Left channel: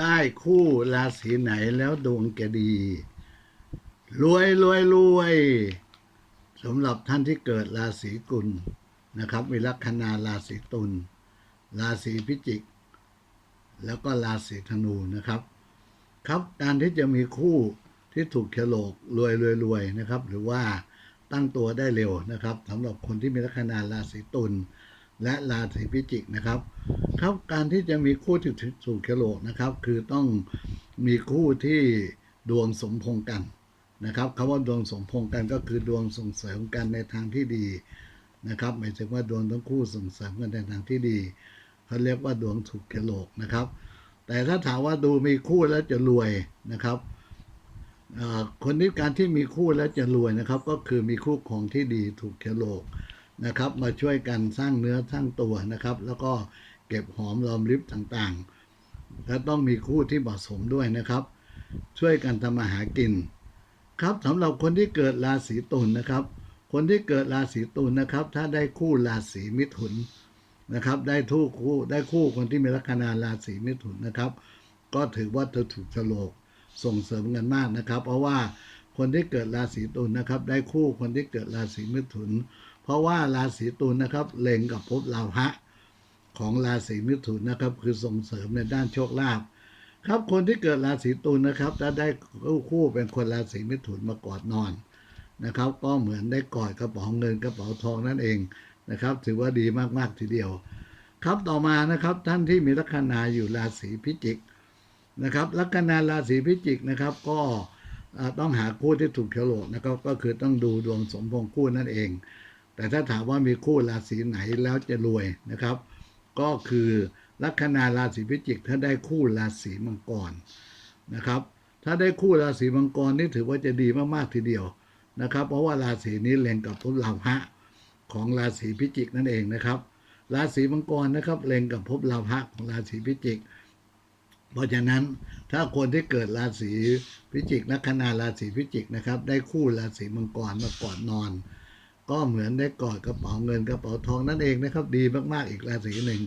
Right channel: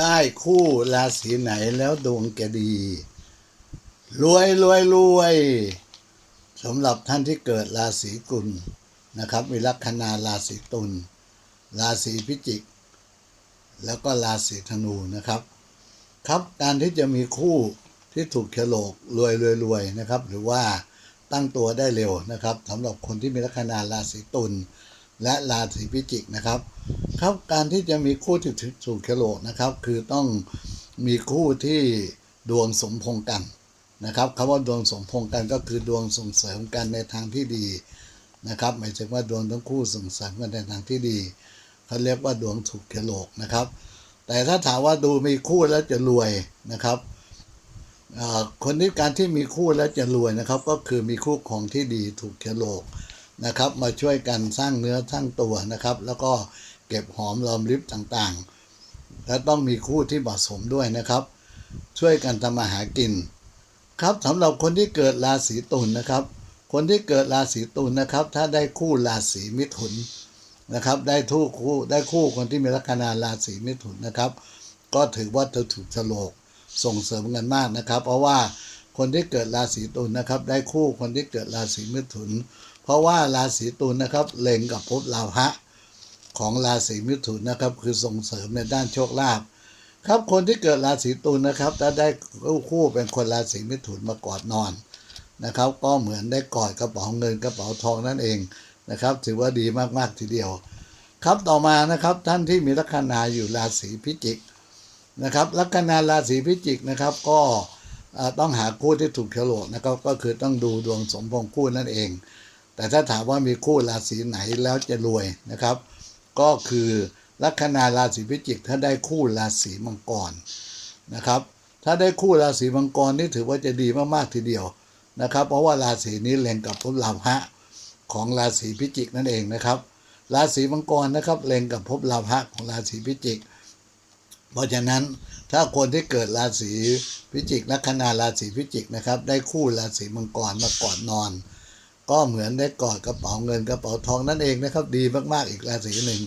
ได้คู่ราศีไหนแล้วดวงแกดี รวยรวยรวยสำหรับท่านที่เกิดราศีกุลนะครับมีลัคนาราศีตุลราศีพิจิก แล้วก็ราศีธนูนะครับ ครับการที่จะมีคู่ที่ถูกเฉลกรวยรวยรวยนะครับ หรือว่าตั้งตัวได้เร็วนะครับสำหรับคนที่มีลัคนาราศีตุลและราศีพิจิกนะครับ ครับ การที่จะมีคู่ที่ถูกเฉลกนะครับ คือต้องมีคู่ที่ดวงสมพงกันนะครับคำว่าดวงสมพงกันก็คือดวงส่งเสริมกันในทางที่ดีนะครับ หมายถึงว่าดวงทั้งคู่ส่งเสริมกันในทางที่ดีเขาเรียกว่าดวงถูกเฉลกนะครับ แต่ถ้าถามว่าดูมีคู่แล้วจะรวยนะครับคนที่การที่มีคู่แล้วจะรวยนะครับ ก็คือมีคู่ของที่ดีถูกเฉลกนะครับ มาช่วยกันสร้างเนื้อสร้างตัวนะครับ แล้วก็ เก็บหอมรอมริบต่างๆ และต้องมีคู่ที่เหมาะสมด้วยนะครับ ช่วยกันทำมาหากิน ครับสำหรับคนที่เกิดราศีตุลนะครับ คนที่เกิดราศีตุลนะครับ ถ้าได้คู่ราศีมิถุนนะครับ ได้ทู่คู่ได้คู่คนที่มีลัคนาราศีมิถุนนะครับ ก็ถือว่าเธอถูกโฉลกส่งเสริมกันมากนะครับ เพราะว่าคนที่เกิดราศีตุลนะครับ ได้คู่คนที่เกิดราศีมิถุน เพราะว่าราศีตุลนะครับเล็งกับภพลาภะ ของราศีมิถุนนะครับ คือส่งเสริมในด้านโชคลาภครับคนที่เกิดราศีตุลนะครับ ถ้าได้คู่เป็นคนราศีมิถุนมากอดนอนนะครับ ก็เหมือนได้กอดกระเป๋าเงินกระเป๋าทองนั่นเองนะครับ ถือว่าดีมากๆทีเดียว ครับต่อมานะครับท่านที่มีลัคนาอยู่ราศีพิจิกนะครับลัคนาราศีพิจิกนะครับ ก็ต้องหาคู่ที่ถูกเฉลกนะครับก็คือต้องดูดวงสมพงษ์คู่นั่นเอง แต่ถ้าถามว่ามีคู่ราศีไหนแล้วจะรวยนะครับ ก็คือลัคนาราศีพิจิก ถ้าได้คู่ราศีมังกรนะครับ ถ้าได้คู่ราศีมังกรนี่ถือว่าจะดีมากๆทีเดียวนะครับ เพราะว่าราศีนี้เล็งกับภพลาภะของราศีพิจิกนั่นเองนะครับ ราศีมังกรนะครับเล็งกับภพลาภะของราศีพิจิก เพราะฉะนั้นถ้าคนที่เกิดราศีพิจิกลัคนาราศีพิจิกนะครับ ได้คู่ราศีมังกรมาก่อนนอน ก็เหมือนได้กอดกระเป๋าเงินกระเป๋าทองนั่นเองนะครับ ดีมากๆอีกราศีหนึ่ง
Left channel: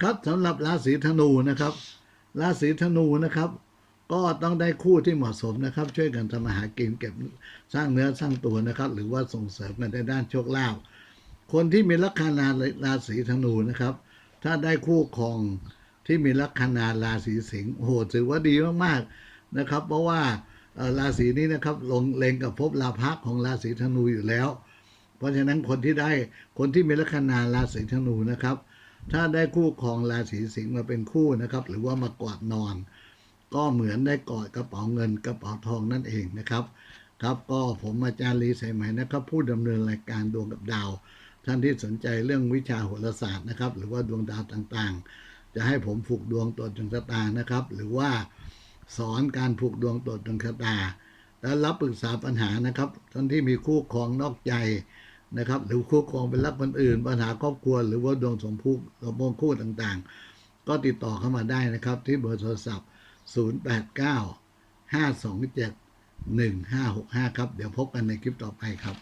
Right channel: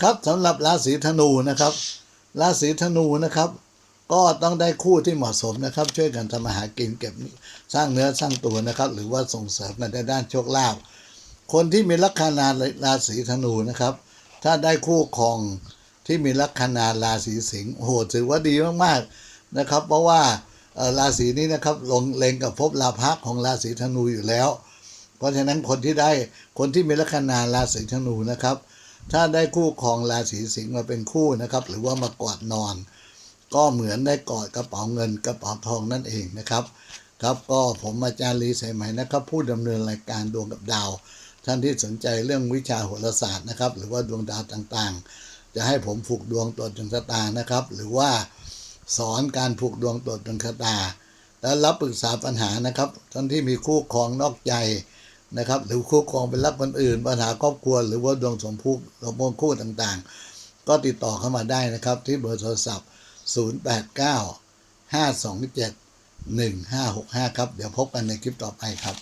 ครับสำหรับราศีธนูนะครับ ราศีธนูนะครับ ก็ต้องได้คู่ที่เหมาะสมนะครับ ช่วยกันทำมาหากินเก็บสร้างเนื้อสร้างตัวนะครับ หรือว่าส่งเสริมกันในด้านโชคลาภคนที่มีลัคนาราศีธนูนะครับ ถ้าได้คู่ครองที่มีลัคนาราศีสิงห์โอ้โหถือว่าดีมากๆนะครับ เพราะว่าราศีนี้นะครับลงเลงกับภพลาภะของราศีธนูอยู่แล้ว เพราะฉะนั้นคนที่ได้คนที่มีลัคนาราศีธนูนะครับ ถ้าได้คู่ครองราศีสิงห์มาเป็นคู่นะครับ หรือว่ามากอดนอน ก็เหมือนได้กอดกระเป๋าเงินกระเป๋าทองนั่นเองนะครับ ครับก็ผมอาจารย์ลีสายไหมนะครับ ผู้ดำเนินรายการดวงกับดาว ท่านที่สนใจเรื่องวิชาโหราศาสตร์นะครับ หรือว่าดวงดาวต่างๆ จะให้ผมผูกดวงตรวจดวงชะตานะครับ หรือว่าสอนการผูกดวงตรวจดวงชะตาแล้วรับปรึกษาปัญหานะครับ ท่านที่มีคู่ครองนอกใจ นะครับ หรือคู่ครองเป็นรักคนอื่น ปัญหาครอบครัว หรือว่าดวงสมพูสมพงคู่ต่างๆ ก็ติดต่อเข้ามาได้นะครับ ที่เบอร์โทรศัพท์ 089 527 1565 ครับ เดี๋ยวพบกันในคลิปต่อไปครับ